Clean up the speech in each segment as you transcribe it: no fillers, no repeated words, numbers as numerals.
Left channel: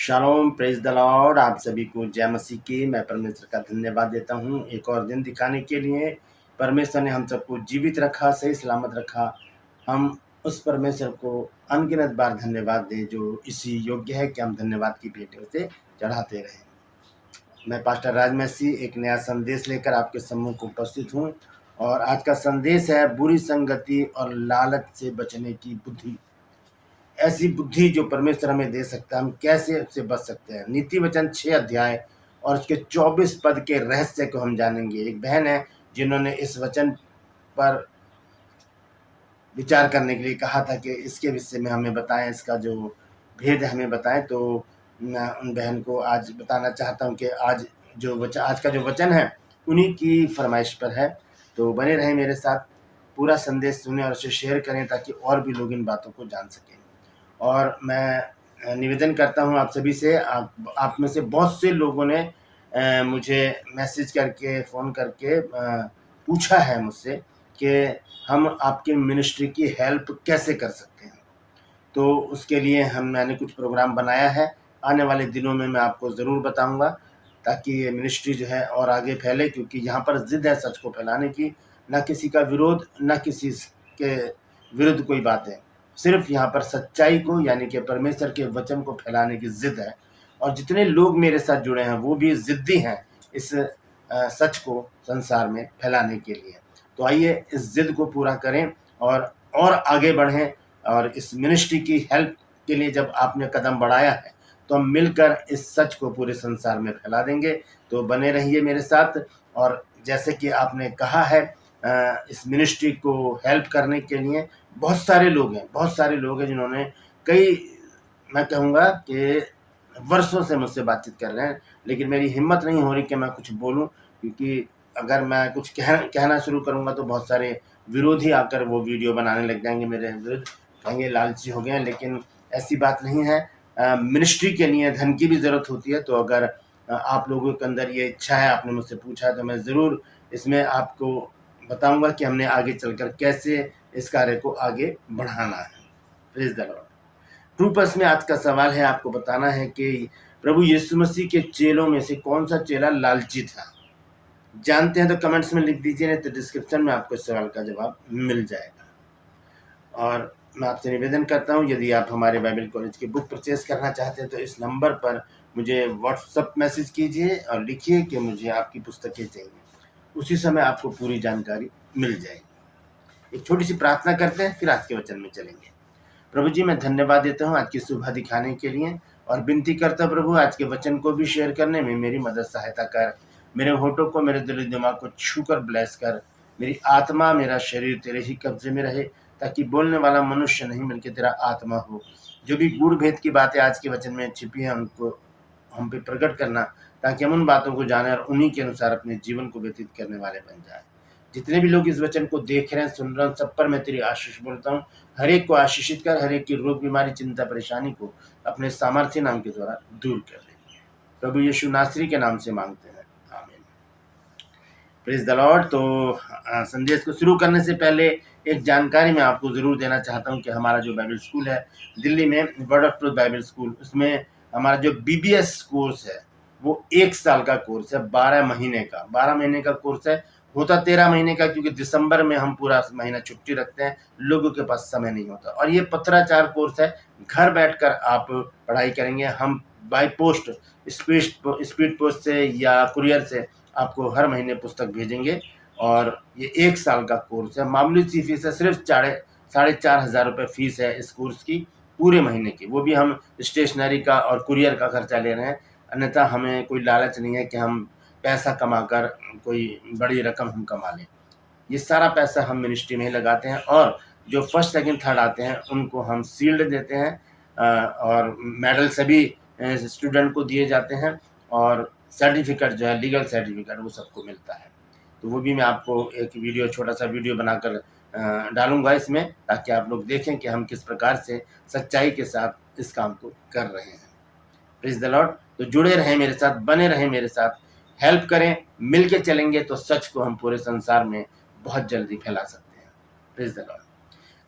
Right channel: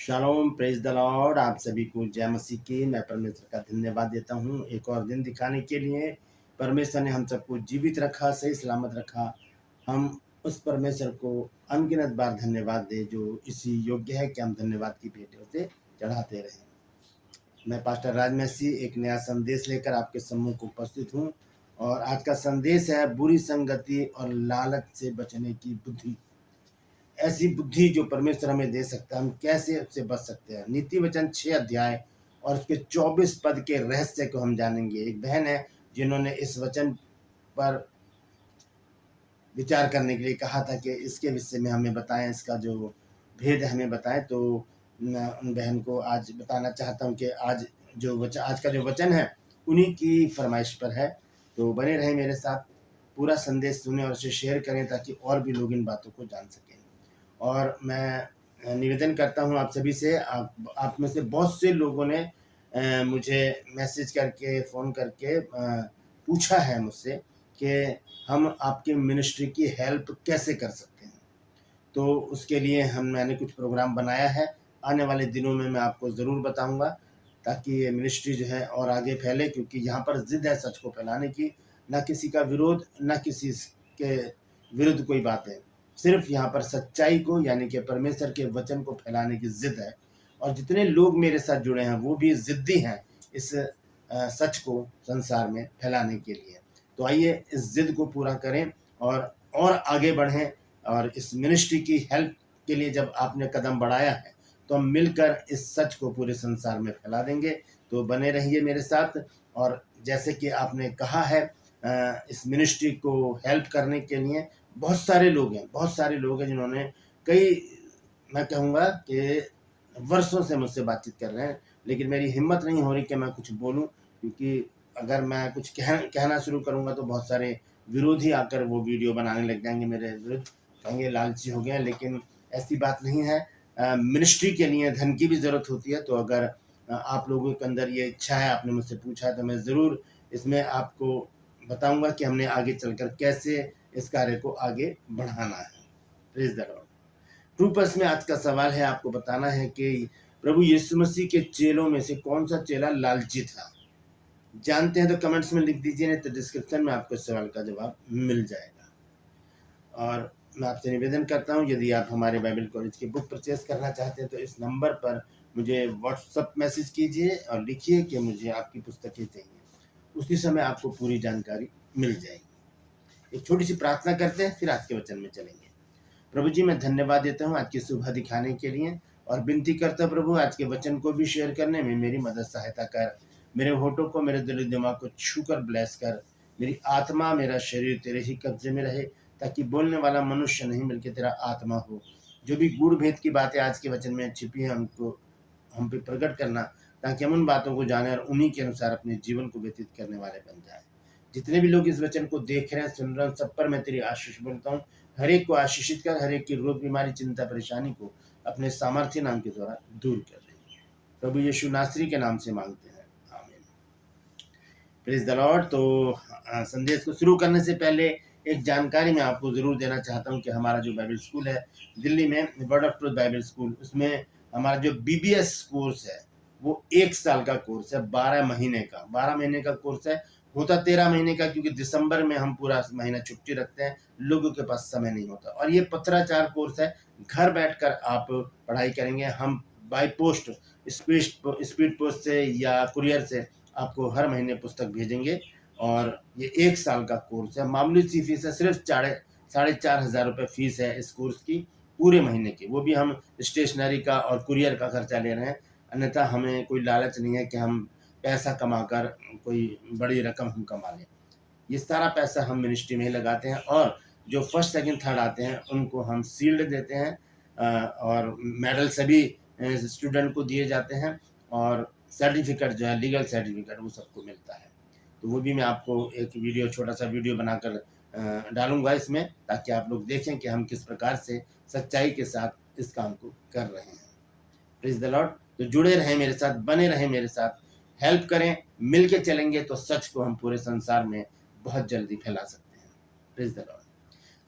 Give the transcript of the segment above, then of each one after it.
Shalom, praise the Lord. आप सभी को जय मसीह की। मैं परमेश्वर का धन्यवाद देता हूँ एक और दिन दिखाने के लिए। परमेश्वर ने हम सबको जीवित रखा, सही सलामत रखा। हम उस परमेश्वर को अनगिनत बार धन्यवाद दें जो इसी योग्य है कि हम धन्यवाद की भेंट उसे चढ़ाते रहें। मैं पास्टर राज मसीह एक नया संदेश लेकर आपके सम्मुख को उपस्थित हूँ और आज का संदेश है बुरी संगति और लालच से बचने की बुद्धि। ऐसी बुद्धि जो परमेश्वर हमें दे सकता है, हम कैसे उससे बच सकते हैं। नीति वचन 6 अध्याय और उसके 24 पद के रहस्य को हम जानेंगे। एक बहन है जिन्होंने इस वचन पर विचार करने के लिए कहा था कि इसके विषय में हमें बताएं, इसका जो भेद है हमें बताएं। तो मैं उन बहन को आज बताना चाहता हूं कि आज का जो वचन है उन्हीं की फरमाइश पर है। तो बने रहें मेरे साथ, पूरा संदेश सुने और उसे शेयर करें ताकि और भी लोग इन बातों को जान सकें। और मैं निवेदन करता हूं आप सभी से, आप में से बहुत से लोगों ने मुझे मैसेज करके, फ़ोन करके पूछा है मुझसे कि हम आपके मिनिस्ट्री की हेल्प कैसे कर सकते हैं। तो उसके लिए मैंने कुछ प्रोग्राम बनाया है। आने वाले दिनों में मैं आपको ज़रूर बताऊंगा ताकि ये मिनिस्ट्री जो है और आगे फैले, क्योंकि यहाँ पर ज़िद है सच को फैलाने की। ना किसी का विरोध, ना किसी के विरुद्ध कोई बात है। सिर्फ यहाँ पर सच्चाई को यानी कि परमेश्वर के वचन को फैलाने की ज़िद है। और जितने लोग मेरे साथ जुड़े हैं वो भी ज़िद्दी हैं इस सच को संसार में फैलाने के लिए। तो आइए इस ज़िद को पूरा करें और आगे बढ़ें। और इस मिनिस्ट्री की हेल्प के लिए जब आपने कदम बढ़ाया है तो हम मिलकर इस सच को पूरे संसार में फैला देंगे। तो बने रहिए मेरे साथ। और जैसे कि आपने कहा है, इस मिनिस्ट्री को हेल्प करने के लिए बहुत सारे लोग हैं जिन्होंने मैं कहूँगा कि वर्षों से मुझसे बातचीत कर रहे हैं, लेकिन मेरी हिम्मत नहीं हो रही कि मैं कुछ बोलूं, क्योंकि अगर मैं कुछ कहना शुरू करूंगा तो बहुत सारे विरोधी आकर वो वीडियो बनाने लग जाएंगे मेरे विरुद्ध, कहेंगे लालची हो गए हैं। लेकिन ऐसी बात नहीं है। मिनिस्ट्री के लिए धन की भी ज़रूरत होती है। तो अगर आप लोगों के अंदर ये इच्छा है, आपने मुझसे पूछा, तो मैं ज़रूर इसमें आपको बताऊंगा कि हमने आगे चलकर कैसे इस कार्य को आगे बढ़ाना है। Praise the Lord. ट्रूपर्स में आज का सवाल है, आपको बताना है कि प्रभु यीशु मसीह के चेलों में से कौन सा चेला लालची था। जानते हैं तो कमेंट्स में लिख दीजिए, नहीं तो डिस्क्रिप्शन में आपको इस सवाल का जवाब मिल जाएगा। और मैं आपसे निवेदन करता हूं, यदि आप हमारे बाइबल कॉलेज की बुक परचेज करना चाहते हैं तो इस नंबर पर मुझे व्हाट्सएप मैसेज कीजिए और लिखिए कि मुझे आपकी पुस्तकें चाहिए। उसी समय आपको पूरी जानकारी मिल जाएगी। एक छोटी सी प्रार्थना करते हैं, फिर आज के वचन में चलेंगे। प्रभु जी, मैं धन्यवाद देता हूँ आज की सुबह दिखाने के लिए और विनती करता हूँ प्रभु, आज के वचन को भी शेयर करने में मेरी मदद सहायता कर। मेरे होठों को, मेरे दिल दिमाग को छूकर ब्लेस कर। मेरी आत्मा, मेरा शरीर तेरे ही कब्जे में रहे, ताकि बोलने वाला मनुष्य नहीं बल्कि तेरा आत्मा हो। जो भी गूढ़ भेद की बातें आज के वचन में छिपी हैं उनको हम पे प्रकट करना, ताकि हम उन बातों को जाने और उन्हीं के अनुसार अपने जीवन को व्यतीत करने वाले बन जाए। जितने भी लोग इस वचन को देख रहे हैं, सुन रहे हैं, सब पर मैं तेरी आशीष बोलता हूँ। हर एक को आशीषित कर, हर एक की रोग, बीमारी, चिंता, परेशानी को अपने सामर्थ्य नाम के द्वारा दूर कर ले। प्रभु यीशु नासरी के नाम से मांगते हैं, आमीन। Praise the Lord. तो संदेश को शुरू करने से पहले एक जानकारी मैं आपको ज़रूर देना चाहता हूं कि हमारा जो बाइबल स्कूल है दिल्ली में, word of truth Bible school, उसमें हमारा जो बीबीएस कोर्स है वो 1 साल का कोर्स है, 12 महीने का कोर्स है। होता 13 महीने का, क्योंकि दिसंबर में हम पूरा महीना छुट्टी रखते हैं, लोगों के पास समय नहीं होता। और ये पत्राचार कोर्स है, घर बैठकर आप पढ़ाई करेंगे। हम बाय पोस्ट, स्पीड पोस्ट से या कुरियर से आपको हर महीने पुस्तक भेजेंगे। और ये 1 साल का कोर्स है। मामूली सी फीस है, सिर्फ 4,500 रुपये फीस है इस कोर्स की पूरे महीने की। वो भी हम स्टेशनरी का और कुरियर का खर्चा ले रहे हैं। अन्यथा हमें कोई लालच नहीं है कि हम पैसा कमाकर कोई बड़ी रकम हम कमा लें। ये सारा पैसा हम मिनिस्ट्री में ही लगाते हैं। और जो फर्स्ट, सेकंड, थर्ड आते हैं उनको हम शील्ड देते हैं और मेडल सभी स्टूडेंट को दिए जाते हैं। और सर्टिफिकेट जो है, लीगल सर्टिफिकेट, वो सबको मिलता है। तो वो भी मैं आपको एक वीडियो, छोटा सा वीडियो बनाकर डालूंगा इसमें, ताकि आप लोग देखें कि हम किस प्रकार से सच्चाई के साथ इस काम को कर रहे हैं। Praise the Lord. तो जुड़े रहें मेरे साथ, बने रहें मेरे साथ, हेल्प करें, मिल के चलेंगे तो सच को हम पूरे संसार में बहुत जल्दी फैला सकते हैं। Praise the Lord.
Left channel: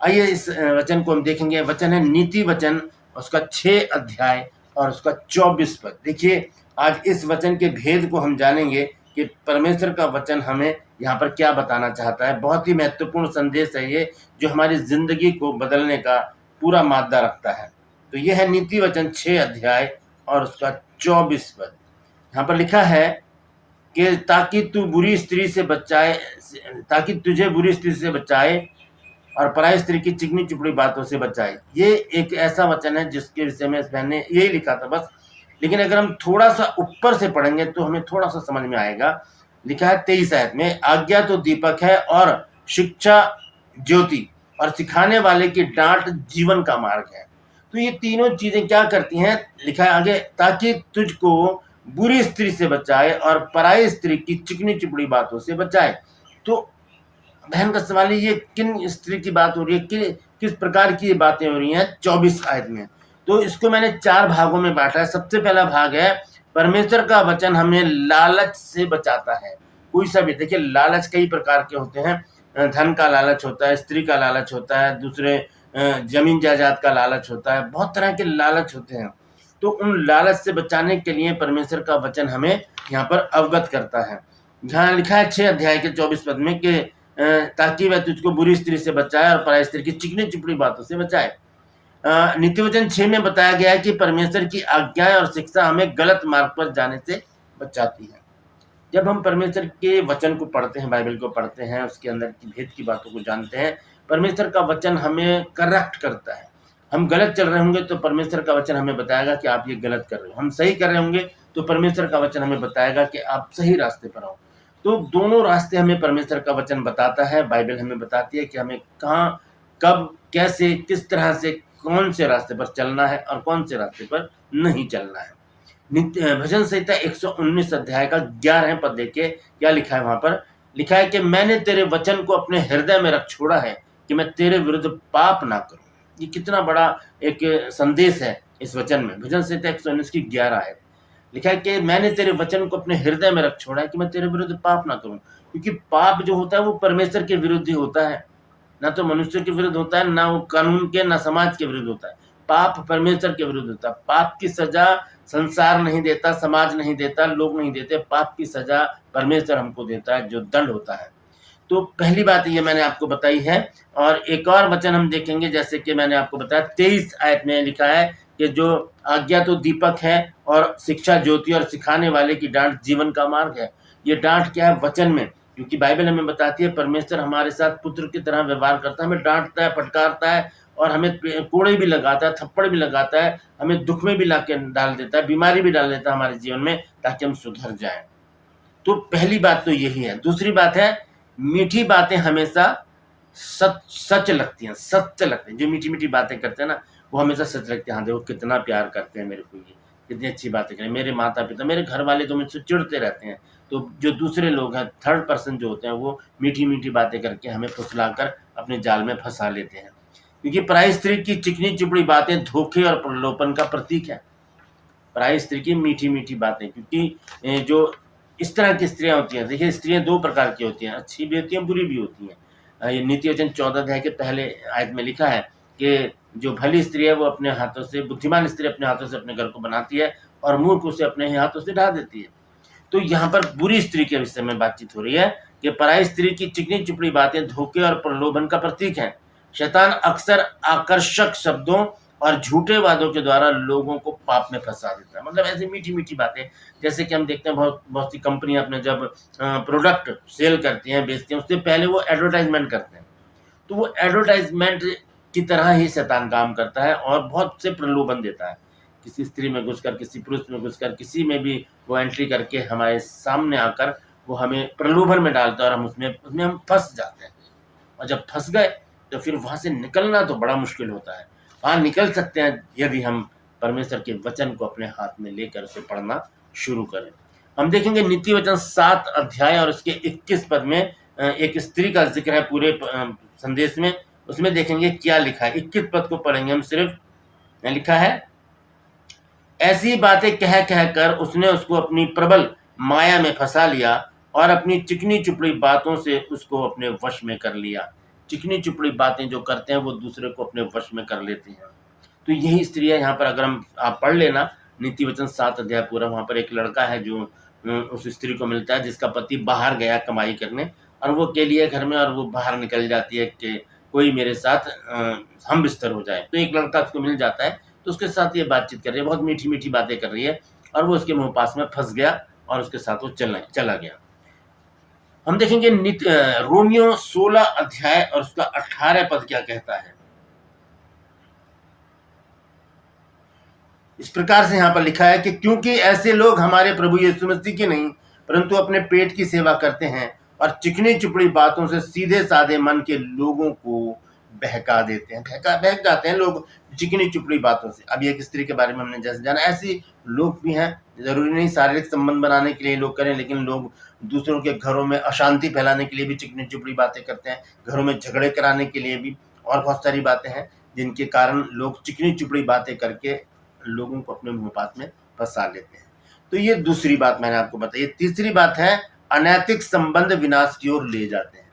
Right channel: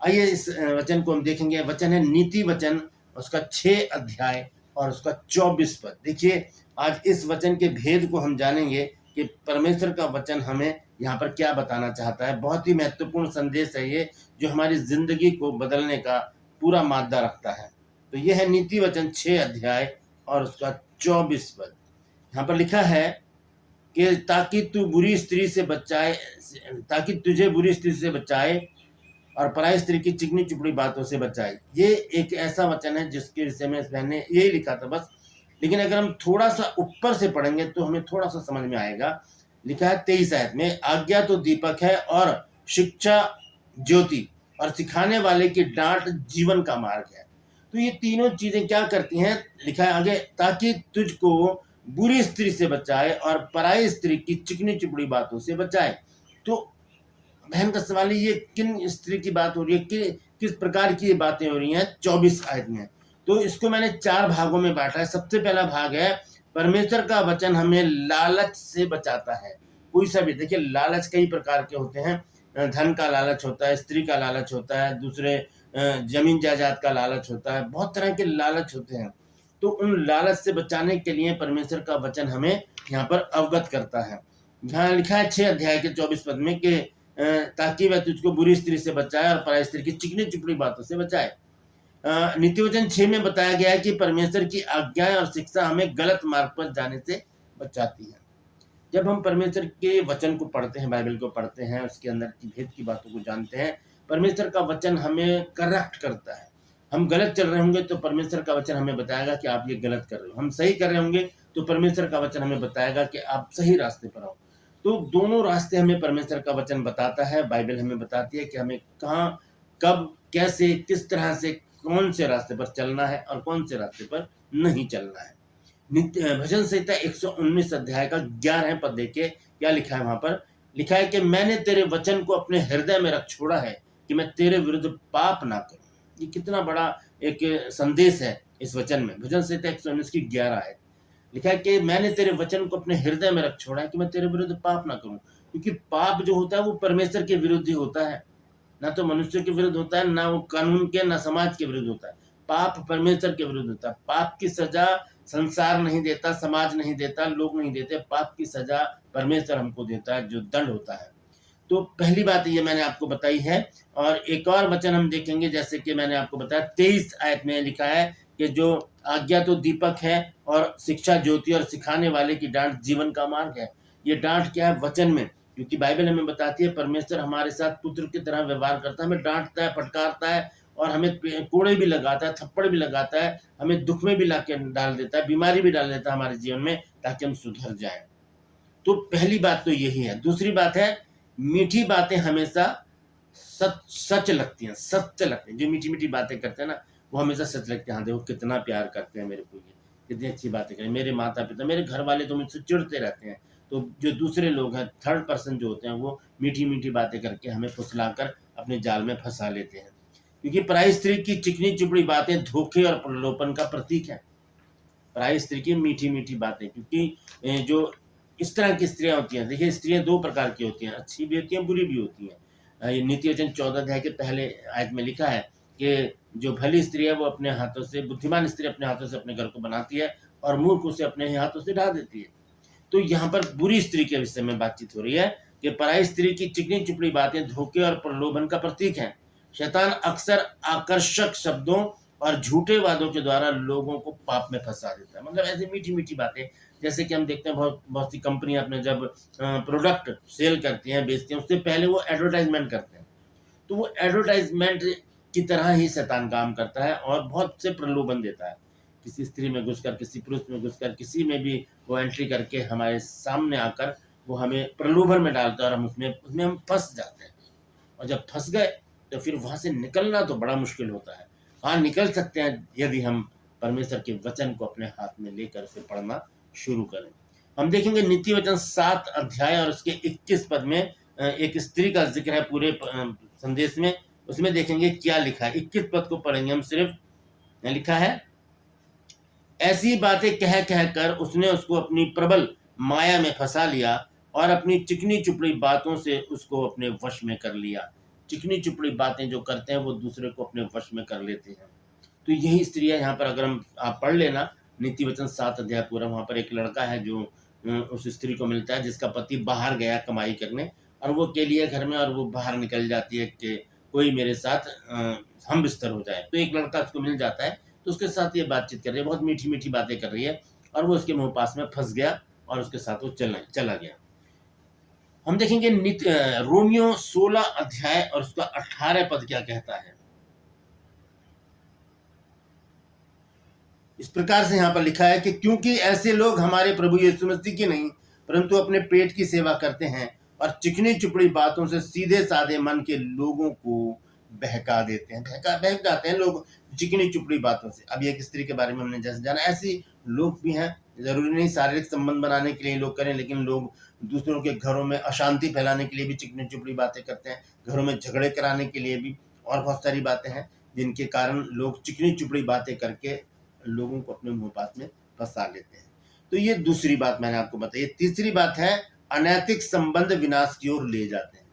आइए इस वचन को हम देखेंगे। वचन है नीति वचन, उसका 6 अध्याय और उसका 24 पद। देखिए आज इस वचन के भेद को हम जानेंगे कि परमेश्वर का वचन हमें यहाँ पर क्या बताना चाहता है। बहुत ही महत्वपूर्ण संदेश है ये, जो हमारी जिंदगी को बदलने का पूरा मादा रखता है। तो यह है नीति वचन 6 अध्याय और उसका 24 पद। यहाँ पर लिखा है कि ताकि तू बुरी स्त्री से बचाए, ताकि तुझे बुरी स्त्री से बचाए और पराई स्त्री की चिकनी चुपड़ी बातों से बचाए। ये एक ऐसा वचन है जिसके विषय में मैंने यही लिखा था बस, लेकिन अगर हम थोड़ा सा ऊपर से पढ़ेंगे तो हमें थोड़ा सा समझ में आएगा। लिखा है 23 आयत में, आज्ञा तो दीपक है और शिक्षा ज्योति और सिखाने वाले की डांट जीवन का मार्ग है। तो ये तीनों चीजें क्या करती हैं, लिखा है आगे, ताकि तुझको बुरी स्त्री से बचाए और पराई स्त्री की चिकनी चुपड़ी बातों से बचाए। तो बहन का सवाल है, ये किन स्त्री की बात हो रही है, किस प्रकार की बातें हो रही हैं 24 आयत में। तो इसको मैंने 4 भागों में बांटा है। सबसे पहला भाग है, परमेश्वर का वचन हमें लालच से बचाता है। कोई सा भी, देखिए लालच कई प्रकार के होते हैं। धन का लालच होता है, स्त्री का लालच होता है, दूसरे जमीन जायदाद का लालच होता है, बहुत तरह के लालच होते हैं। तो उन लालच से बचाने के लिए परमेश्वर का वचन हमें यहाँ पर अवगत करता है। जहाँ लिखा है 6 अध्याय के 24 पद में कि ताकि वह तुझको बुरी स्त्री से बचाए और पराई स्त्री की चिकनी चुपड़ी बातों से बचाए। नीति वचन 6 में बताया गया है कि परमेश्वर की आज्ञाएं और शिक्षा हमें गलत मार्ग पर जाने से बचाती है। जब हम परमेश्वर के वचन को पढ़ते हैं, बाइबल को पढ़ते हैं, उसके अंदर की भेद की बातों को जानते हैं, परमेश्वर का वचन हमें करेक्ट करता है। हम गलत चल रहे होंगे तो परमेश्वर का वचन हमें बताएगा कि आप ये गलत कर रहे हो। हम सही कर रहे होंगे तो परमेश्वर का वचन हमें बताएगा कि आप सही रास्ते पर हो। तो दोनों रास्ते हमें परमेश्वर का वचन बताता है। बाइबल हमें बताती है कि हमें कहाँ, कब, कैसे, किस तरह से, कौन से रास्ते पर चलना है और कौन से रास्ते पर नहीं चलना है। भजन संहिता 119 अध्याय का 11 पद देखिए क्या लिखा है। वहां पर लिखा है कि मैंने तेरे वचन को अपने हृदय में रख छोड़ा है कि मैं तेरे विरुद्ध पाप ना करूं। ये कितना बड़ा एक संदेश है इस वचन में। भजन संहिता 119 की 11 है। लिखा है कि मैंने तेरे वचन को अपने हृदय में रख छोड़ा है कि मैं तेरे विरुद्ध पाप ना करूं। क्योंकि पाप जो होता है वो परमेश्वर के विरुद्ध ही होता है, ना तो मनुष्य के विरुद्ध होता है, ना वो कानून के, ना समाज के विरुद्ध होता है। पाप परमेश्वर के विरुद्ध होता है। पाप की सजा संसार नहीं देता, समाज नहीं देता, लोग नहीं देते। पाप की सजा परमेश्वर हमको देता है, जो दंड होता है। तो पहली बात ये मैंने आपको बताई है। और एक और वचन हम देखेंगे, जैसे कि मैंने आपको बताया 23 आयत में लिखा है कि जो आज्ञा तो दीपक है और शिक्षा ज्योति और सिखाने वाले की डांट जीवन का मार्ग है। ये डांट क्या है, वचन में, क्योंकि बाइबल हमें बताती है परमेश्वर हमारे साथ पुत्र की तरह व्यवहार करता है, हमें डांटता है, फटकारता है और हमें कोड़े भी लगाता है, थप्पड़ भी लगाता है, हमें दुख में भी ला के डाल देता है, बीमारी भी डाल देता है हमारे जीवन में, ताकि हम सुधर जाएं। तो पहली बात तो यही है। दूसरी बात है, मीठी बातें हमेशा सच लगती हैं, सत्य लगते हैं। जो मीठी मीठी बातें करते हैं ना, वो हमेशा सच लगते हैं। हाँ देखो कितना प्यार करते हैं मेरे को, ये कितनी अच्छी बातें करें। मेरे माता पिता, मेरे घर वाले तो मुझसे चिढ़ते रहते हैं। तो जो दूसरे लोग हैं, थर्ड पर्सन जो होते हैं, वो मीठी मीठी बातें करके हमें फुसलाकर अपने जाल में फंसा लेते हैं। क्योंकि पराई स्त्री की चिकनी चुपड़ी बातें धोखे और प्रलोभन का प्रतीक है। पराई स्त्री की मीठी मीठी बातें, क्योंकि जो इस तरह की स्त्रियां होती हैं, देखिए स्त्रियां 2 प्रकार की होती हैं, अच्छी भी होती हैं, बुरी भी होती हैं। ये नीति वचन 14 अध्याय के पहले आयत में लिखा है कि जो भली स्त्री है वो अपने हाथों से, बुद्धिमान स्त्री अपने हाथों से अपने घर को बनाती है और मूर्ख उसे अपने ही हाथों से ढा देती है। तो यहाँ पर बुरी स्त्री के विषय में बातचीत हो रही है कि पराई स्त्री की चिकनी चुपड़ी बातें धोखे और प्रलोभन का प्रतीक है। शैतान अक्सर आकर्षक शब्दों और झूठे वादों के द्वारा लोगों को पाप में फंसा देता है। मतलब ऐसी मीठी मीठी बातें, जैसे कि हम देखते हैं बहुत बहुत सी कंपनियां अपने जब प्रोडक्ट सेल करती हैं, बेचती हैं, उससे पहले वो एडवर्टाइजमेंट करते हैं। तो वो एडवर्टाइजमेंट की तरह ही शैतान काम करता है और बहुत से प्रलोभन देता है। किसी स्त्री में घुसकर, किसी पुरुष में घुसकर, किसी में भी वो एंट्री करके हमारे सामने आकर वो हमें प्रलोभन में डालता है और हम उसमें हम फंस जाते हैं। और जब फंस गए तो फिर वहाँ से निकलना तो बड़ा मुश्किल होता है। हाँ, निकल सकते हैं यदि हम परमेश्वर के वचन को अपने हाथ में लेकर उसे पढ़ना शुरू करें। हम देखेंगे नीति वचन 7 अध्याय और उसके 21 पद में एक स्त्री का जिक्र है पूरे संदेश में। उसमें देखेंगे क्या लिखा है। 21 पद को पढ़ेंगे हम सिर्फ। लिखा है, ऐसी बातें कह कह कर उसने उसको अपनी प्रबल माया में फंसा लिया और अपनी चिकनी चुपड़ी बातों से उसको अपने वश में कर लिया। चिकनी चुपड़ी बातें जो करते हैं वो दूसरे को अपने वश में कर लेते हैं। तो यही स्त्री है। यहाँ पर अगर आप पढ़ लेना नीति वचन 7 अध्याय पूरा। वहाँ पर एक लड़का है जो उस स्त्री को मिलता है जिसका पति बाहर गया कमाई करने, और वो अकेली है घर में, और वो बाहर निकल जाती है कि कोई मेरे साथ हम बिस्तर हो जाए। तो एक लड़का उसको मिल जाता है, तो उसके साथ ये बातचीत कर रही है, बहुत मीठी-मीठी बातें कर रही है, और वो उसके मुँह पास में फँस गया और उसके साथ वो चला गया। हम देखेंगे रोमियो 16 अध्याय और उसका 18 पद क्या कहता है। इस प्रकार से यहाँ पर लिखा है कि क्योंकि ऐसे लोग हमारे प्रभु यीशु मसीह की नहीं परंतु अपने पेट की सेवा करते हैं और चिकनी चुपड़ी बातों से सीधे साधे मन के लोगों को बहका देते हैं, बहक जाते हैं लोग चिकनी चुपड़ी बातों से। अब एक स्त्री के बारे में हमने जैसे जाना, ऐसी लोग भी हैं। जरूरी नहीं शारीरिक संबंध बनाने के लिए लोग करें, लेकिन लोग दूसरों के घरों में अशांति फैलाने के लिए भी चिकनी चुपड़ी बातें करते हैं, घरों में झगड़े कराने के लिए भी, और बहुत सारी बातें हैं जिनके कारण लोग चिकनी चुपड़ी बातें करके लोगों को अपने मुंहपात में फंसा लेते हैं। तो ये दूसरी बात मैंने आपको बताई। तीसरी बात है अनैतिक संबंध विनाश की ओर ले जाते हैं।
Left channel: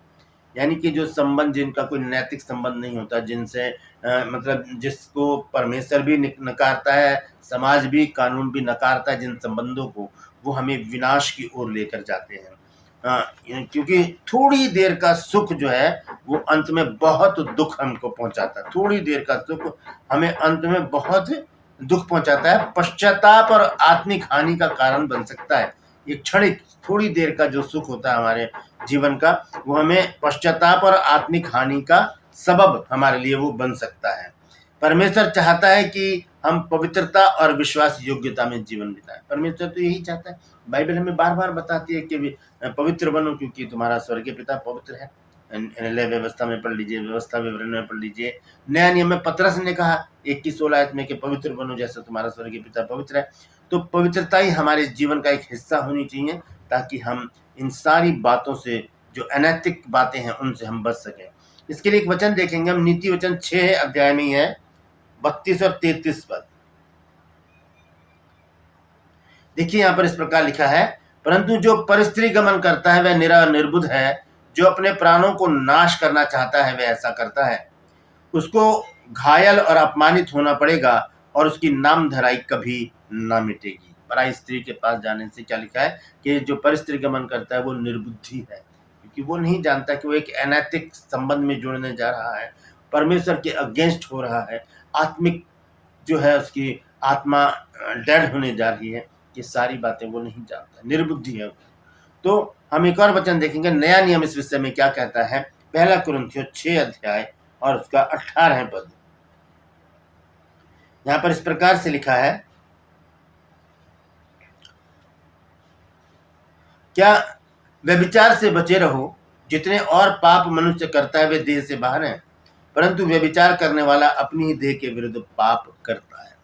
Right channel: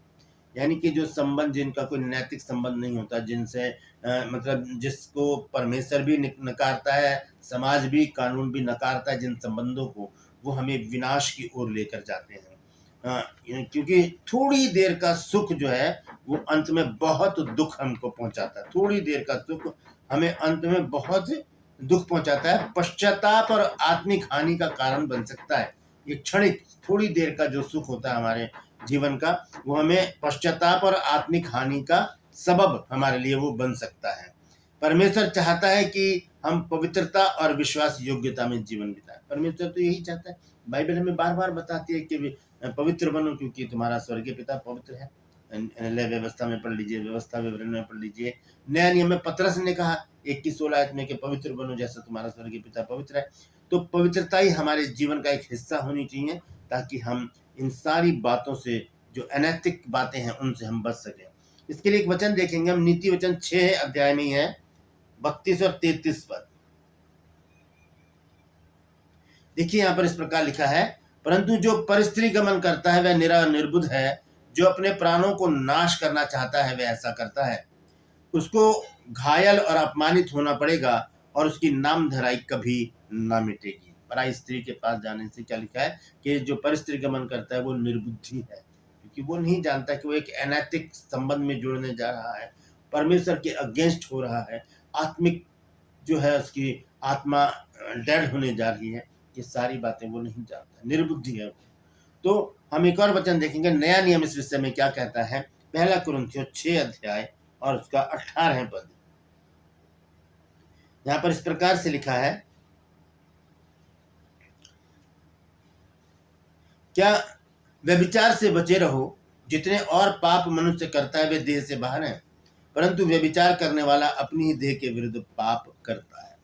यानी कि जो संबंध जिनका कोई नैतिक संबंध नहीं होता, जिनसे मतलब जिसको परमेश्वर भी नकारता है, समाज भी, कानून भी नकारता है, जिन संबंधों को, वो हमें विनाश की ओर लेकर जाते हैं। क्योंकि थोड़ी देर का सुख जो है वो अंत में बहुत दुख हमको पहुंचाता है। थोड़ी देर का सुख हमें अंत में बहुत दुख पहुंचाता है, पश्चाताप और आत्मिक हानि का कारण बन सकता है। एक क्षणिक थोड़ी देर का जो सुख होता है हमारे जीवन का, वो हमें पश्चाताप और आत्मिक हानि का सबब हमारे लिए वो बन सकता है। परमेश्वर चाहता है कि हम पवित्रता और विश्वास योग्यता में जीवन बिताएं। परमेश्वर तो यही चाहता है। बाइबल हमें बार बार बताती है कि पवित्र बनो क्योंकि तुम्हारा स्वर्गीय पिता पवित्र है। नए व्यवस्था में पढ़ लीजिए, व्यवस्था विवरण में पढ़ लीजिए। नया नियम में पतरस ने कहा 21-16 में कि पवित्र बनो जैसा तुम्हारा स्वर्गीय पिता पवित्र है। तो पवित्रता ही हमारे जीवन का एक हिस्सा होनी चाहिए, ताकि हम इन सारी बातों से, जो अनैतिक बातें हैं, उनसे हम बच सकें। इसके लिए एक वचन देखेंगे हम, नीति वचन 6 अध्याय में है 32 और 33 पद। देखिए यहाँ पर इस प्रकार लिखा है, परंतु जो परस्त्री गमन करता है वह निर्बुद्ध है, जो अपने प्राणों को नाश करना चाहता है वह ऐसा करता है। उसको घायल और अपमानित होना पड़ेगा और उसकी नामधराई कभी ना मिटेगी। पराई स्त्री के पास जाने से क्या लिखा है कि जो परस्त्री गमन करता है वो निर्बुद्धि है, क्योंकि वो नहीं जानता कि वो एक अनैतिक संबंध में जुड़ने जा रहा है, परमेश्वर के अगेंस्ट हो रहा है, आत्मिक जो है उसकी आत्मा डेड होने जा रही है। ये सारी बातें वो नहीं जानता, निर्बुद्धि है। तो हम एक और वचन देखेंगे, नया नियम इस विषय में क्या कहता है। 1 कुरिन्थियों 6 अध्याय और उसका 18 पद। यहां पर इस प्रकार से लिखा है, क्या व्यभिचार से बचे रहो। जितने और पाप मनुष्य करता है वे देह से बाहर हैं, परंतु व्यभिचार करने वाला अपनी ही देह के विरुद्ध पाप करता है।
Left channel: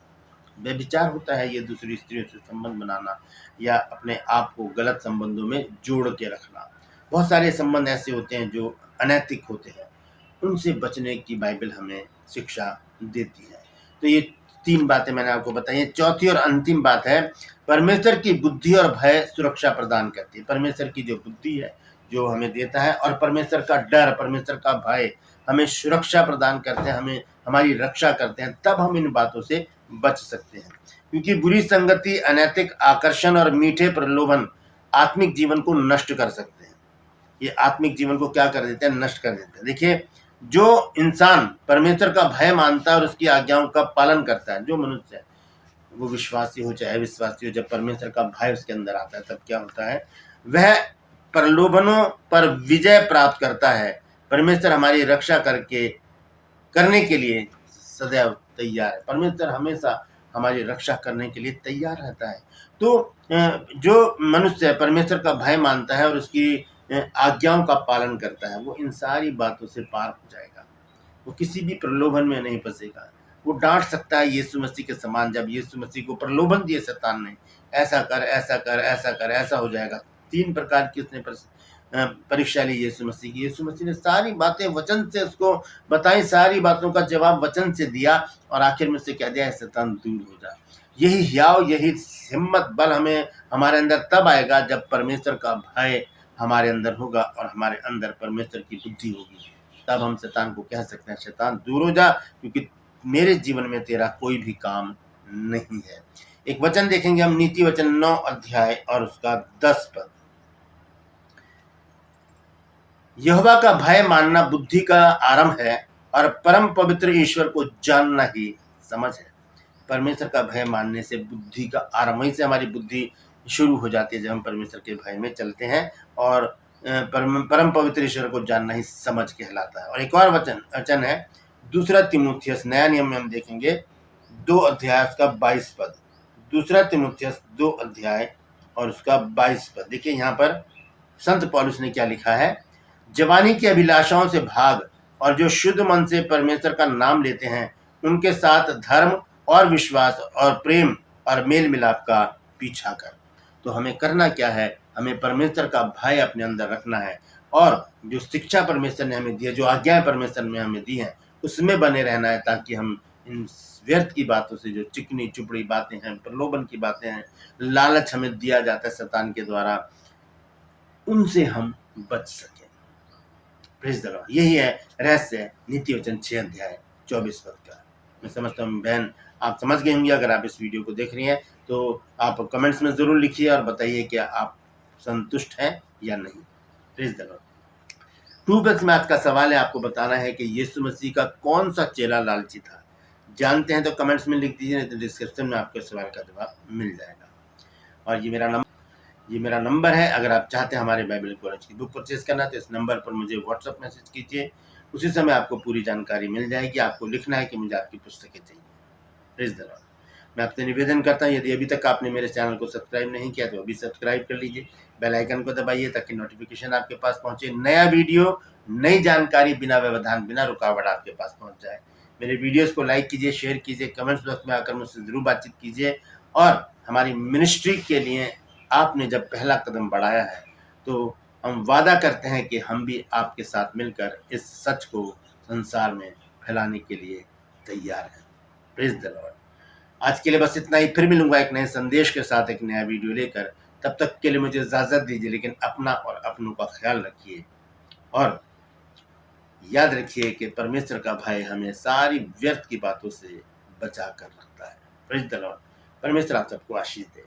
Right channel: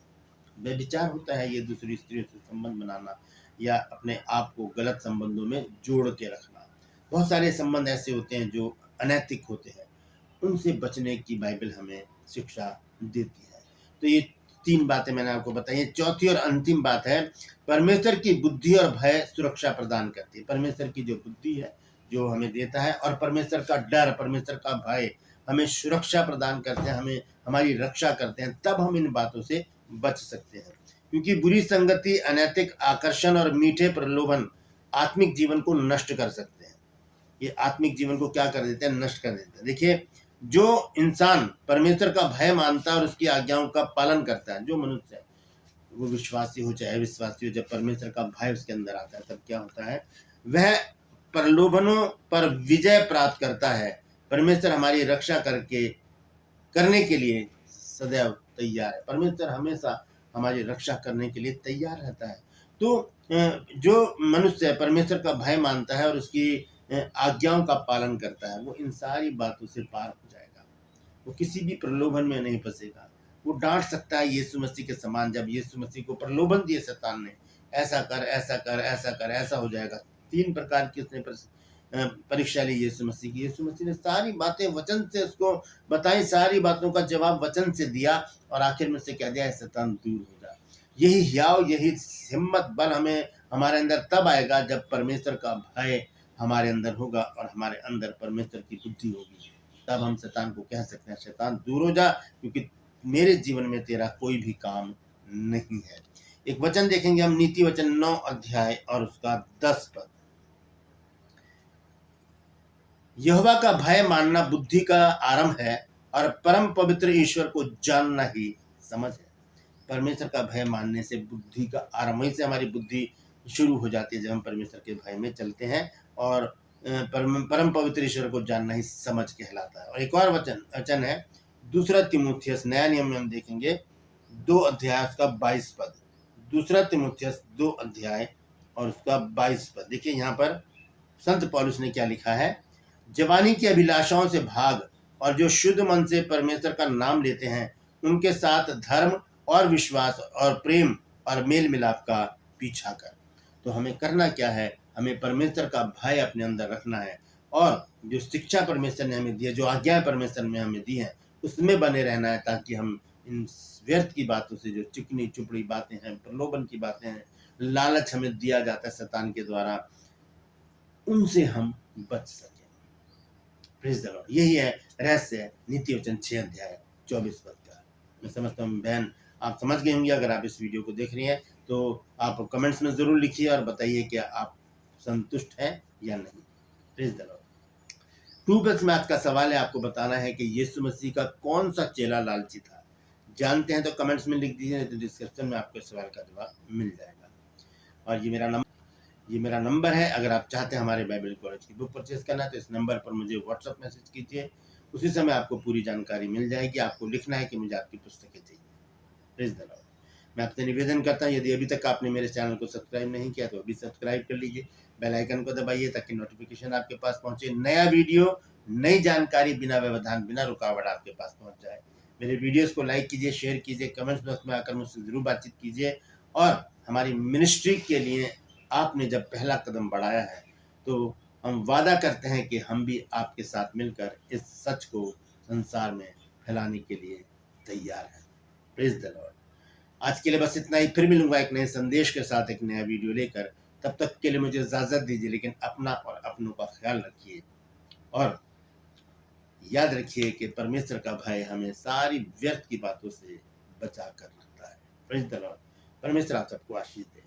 व्यभिचार होता है ये दूसरी स्त्रियों से संबंध बनाना या अपने आप को गलत संबंधों में जोड़ के रखना। बहुत सारे संबंध ऐसे होते हैं जो अनैतिक होते हैं, उनसे बचने की बाइबल हमें शिक्षा देती है। तो ये 3 बातें मैंने आपको बताई हैं। चौथी और अंतिम बात है, परमेश्वर की बुद्धि और भय सुरक्षा प्रदान करती है। परमेश्वर की जो बुद्धि है जो हमें देता है, और परमेश्वर का डर, परमेश्वर का भय हमें सुरक्षा प्रदान करते हैं, हमें हमारी रक्षा करते हैं। तब हम इन बातों से बच सकते हैं, क्योंकि बुरी संगति, अनैतिक आकर्षण और मीठे प्रलोभन आत्मिक जीवन को नष्ट कर सकते हैं। ये आत्मिक जीवन को क्या कर देते हैं, नष्ट कर देते हैं। देखिए, जो इंसान परमेश्वर का भय मानता है और उसकी आज्ञाओं का पालन करता है, जो मनुष्य है, वो विश्वासी हो चाहे अविश्वासी हो, जब परमेश्वर का भय उसके अंदर आता है तब क्या होता है, वह प्रलोभनों पर विजय प्राप्त करता है। परमेश्वर हमारी रक्षा करने के लिए सदैव तैयार है। परमेश्वर हमेशा हमारी रक्षा करने के लिए तैयार रहता है। तो जो मनुष्य परमेश्वर का भय मानता है और उसकी आज्ञाओं का पालन करता है, वो इन सारी बातों से पार हो जाएगा। वो किसी भी प्रलोभन में नहीं फंसेगा। वो डांट सकता है यीशु मसीह के समान। जब यीशु मसीह को प्रलोभन दिए शैतान ने, ऐसा कर, ऐसा कर, ऐसा कर, ऐसा हो जाएगा। 3 प्रकार की उसने परीक्षा ली यीशु मसीह की। यीशु मसीह ने सारी बातें वचन से उसको बताई, सारी बातों का जवाब वचन से दिया, और आखिर में से कह दिया, शैतान दूर हो जा। यही हियाव, यही हिम्मत, बल हमें हमारे अंदर तब आएगा जब परमेश्वर का भय हमारे अंदर होगा और हमारे अंदर परमेश्वर की बुद्धि होगी। तब हम शैतान को कह सकते हैं, शैतान दूर हो जा, क्योंकि मेरे जीवन में तेरा कोई भी काम नहीं है। एक वचन देखेंगे हम, नीति वचन 9 अध्याय और उसका 10 पद। यहोवा का भय मानना बुद्धि का आरंभ है और परम पवित्र ईश्वर को जानना ही समझ है। परमेश्वर का भय मानने से बुद्धि का आरंभ, वहीं से हमारी बुद्धि शुरू हो जाती है जब हम परमेश्वर के भय में चलते हैं। और परम पवित्र ईश्वर को जानना ही समझ कहलाता है। और एक और वचन है दूसरा तीमुथियुस, नया नियम में हम देखेंगे 2 अध्याय उसका 22 पद। दूसरा तीमुथियुस 2 अध्याय और उसका 22 पद। देखिए यहाँ पर संत पौलुस ने क्या लिखा है। जवानी की अभिलाषाओं से भाग और जो शुद्ध मन से परमेश्वर का नाम लेते हैं उनके साथ धर्म और विश्वास और प्रेम और मेल मिलाप का पीछा कर। तो हमें करना क्या है, हमें परमेश्वर का भय अपने अंदर रखना है और जो शिक्षा परमेश्वर ने हमें दी है, जो आज्ञाएं परमेश्वर ने हमें दी हैं, उसमें बने रहना है, ताकि हम इन व्यर्थ की बातों से, जो चिकनी चुपड़ी बातें हैं, प्रलोभन की बातें हैं, लालच हमें दिया जाता है शैतान के द्वारा, उनसे हम बच सकें। Praise the Lord. यही है रहस्य नीति वचन 6 अध्याय 24 पद का। मैं समझता हूँ बहन आप समझ गए होंगे। अगर आप इस वीडियो को देख रही हैं तो आप कमेंट्स में जरूर लिखिए और बताइए कि आप संतुष्ट हैं या नहीं। Praise the Lord. 2 में आज का सवाल है, आपको बताना है कि यीशु मसीह का कौन सा चेला लालची था। जानते हैं तो कमेंट्स में लिख दीजिए, नहीं तो डिस्क्रिप्शन में आपके सवाल का जवाब मिल जाएगा। और ये मेरा नंबर है। अगर आप चाहते हैं हमारे बाइबल कॉलेज की बुक परचेज करना तो इस नंबर पर मुझे व्हाट्सएप मैसेज कीजिए, उसी समय आपको पूरी जानकारी मिल जाएगी। आपको लिखना है कि मुझे आपकी पुस्तकें चाहिए। Please the Lord. मैं आपसे निवेदन करता हूँ, यदि अभी तक आपने मेरे चैनल को सब्सक्राइब नहीं किया तो अभी सब्सक्राइब कर लीजिए, बेल आइकन को दबाइए ताकि नोटिफिकेशन आपके पास पहुंचे। नया वीडियो, नई जानकारी बिना व्यवधान, बिना रुकावट आपके पास पहुंच जाए। मेरे वीडियोस को लाइक कीजिए, शेयर कीजिए, कमेंट्स बॉक्स में आकर मुझसे जरूर बातचीत कीजिए। और हमारी मिनिस्ट्री के लिए आपने जब पहला कदम बढ़ाया है तो हम वादा करते हैं कि हम भी आपके साथ मिलकर इस सच को संसार में फैलाने के लिए तैयार हैं। Praise the Lord. आज के लिए बस इतना ही। फिर मिलूंगा एक नए संदेश के साथ, एक नया वीडियो लेकर। तब तक के लिए मुझे इजाजत दीजिए, लेकिन अपना और अपनों का ख्याल रखिए और याद रखिए कि परमेश्वर का भय हमें सारी व्यर्थ की बातों से बचा कर रखता है। Praise the Lord. परमेश्वर आप सबको आशीष दे।